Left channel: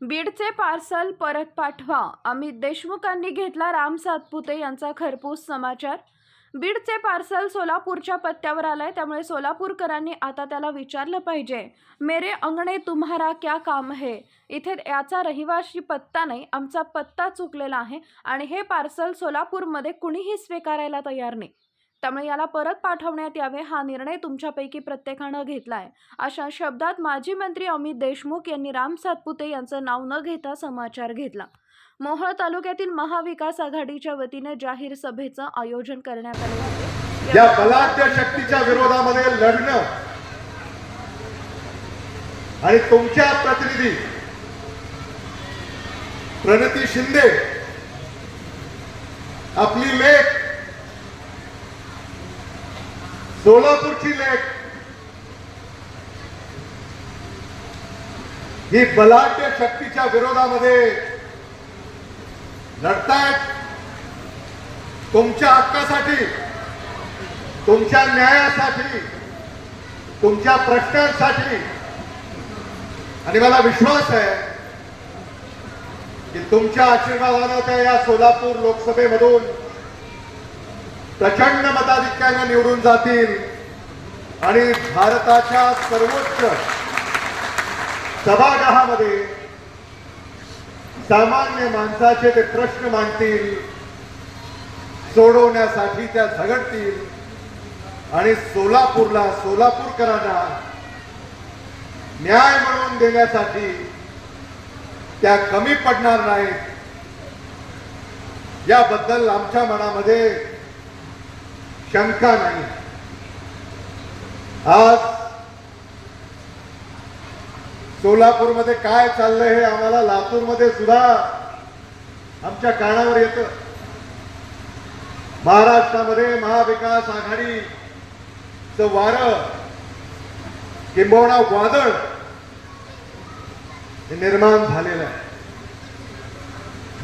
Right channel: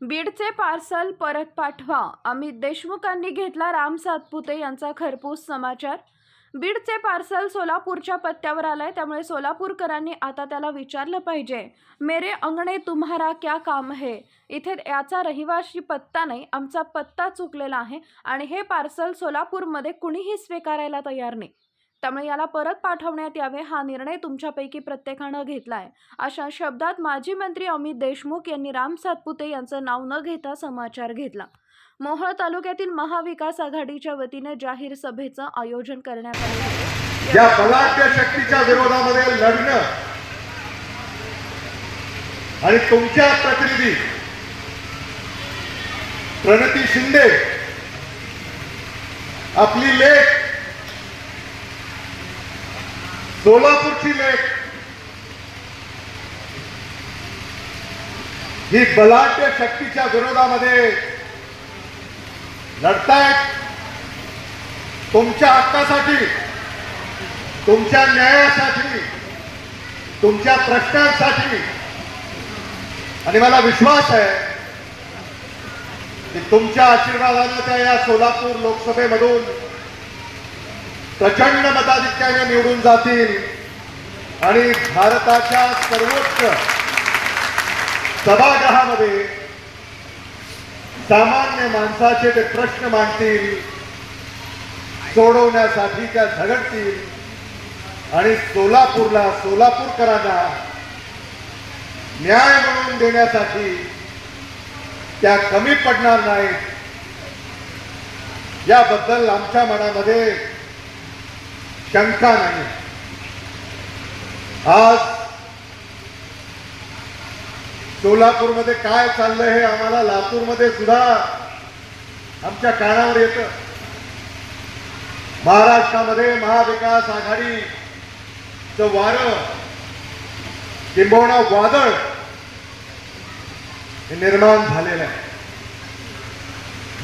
बीडचे पार्सल परत पाठवा. अमित देशमुखांनी घेतला राम सातपुते यांचा खरपूस समाचार. बीडचे पार्सल सोलापूरच्या पत्त्यावर आलंय त्यामुळे सोलापूरकरांनी आता त्याला विचारलं पाहिजे मेरे अंगणे तुम्हारा क्या काम है? इथे याचा रहिवाशी पत्ता नाही आमचा पत्ता चुकलेला आहे आणि हे पार्सल सोलापूरमध्ये कुणीही स्वीकारायला तयार नाही. त्यामुळे याला परत पाठवण्यात यावे हा निर्णय तुमच्यापैकी प्रत्येकानं घेतलाय. अशा शब्दात माजी मंत्री अमित देशमुख यांनी राम सातपुते यांचं नाव न घेता समाचार घेतला. मोहोळ तालुक्यातील महाविकास आघाडीच्या वतीने जाहीर सभेचं आयोजन करण्यात आले होते. या बलाढ्य शक्तीच्या विरोधामध्ये लढणं आणि तुमच्या प्रतिनिधी प्रणती शिंदे आपली लेख सोलापूरची लेख ही बलाढ्य शक्तीच्या विरोधामध्ये लढतायत तुमच्या हक्कासाठी तुमच्या न्यायासाठी तुमच्या प्रश्नांसाठी. आणि मला विश्वास आहे की तुमच्या आशीर्वादानं त्या या सोलापूर लोकसभेमधून प्रचंड मताधिक्याने निवडून जातील. आणि भारताच्या सर्वोच्च सभागृहामध्ये सामान्य माणसाचे ते प्रश्न मांडतील सोडवण्यासाठी त्या झगडतील आणि सोलापूरला सोलापूरकरांना न्याय मिळवून देण्यासाठी त्या कमी पडणार नाहीत. याबद्दल आमच्या मनामध्ये शंका नाही. आज सोलापूरमध्ये काय चाललंय हे आम्हाला लातूरमध्ये सुद्धा आमच्या कानावर येतं. महाराष्ट्रामध्ये महाविकास आघाडीचं वारं किंबहुना वादळ हे निर्माण झालेलं आहे.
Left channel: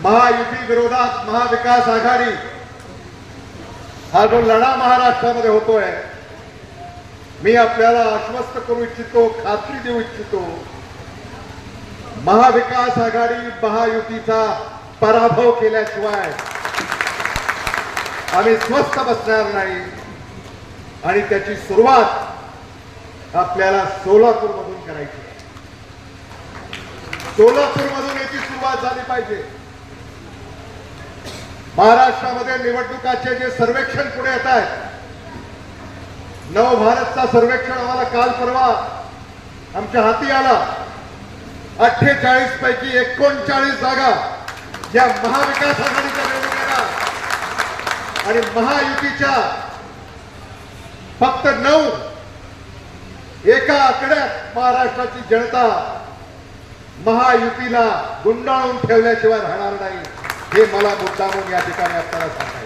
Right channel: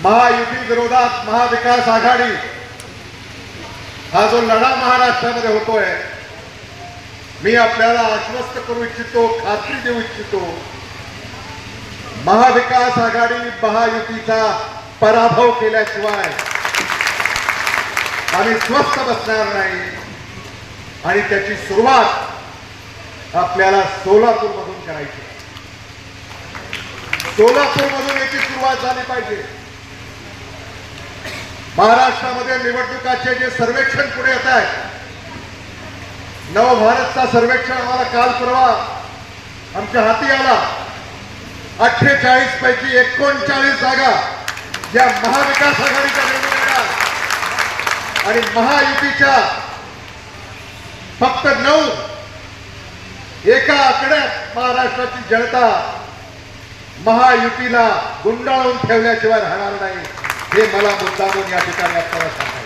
महायुती विरोधात महाविकास आघाडी हा जो लढा महाराष्ट्रामध्ये होतोय मी आपल्याला आश्वस्त करू इच्छितो खात्री देऊ इच्छितो. महाविकास आघाडी महायुतीचा पराभव केल्याशिवाय आम्ही स्वस्थ बसणार नाही. आणि त्याची सुरुवात आपल्याला सोलापूरमधून करायची सोलापूरमधून याची सुरुवात झाली पाहिजे. महाराष्ट्रामध्ये निवडणुकाचे जे सर्वेक्षण पुढे येत आहे नवभारतचा सर्वेक्षण आम्हाला काल परवा आमच्या हाती आला. अठ्ठेचाळीस पैकी एकोणचाळीस जागा या महाविकास आघाडीच्या निवडणुका आणि महायुतीच्या फक्त नऊ एका आकड्यात महाराष्ट्राची जनता महायुतीला गुंडाळून ठेवल्याशिवाय राहणार नाही. हे मला मुद्दामून या ठिकाणी आपल्याला सांगायचं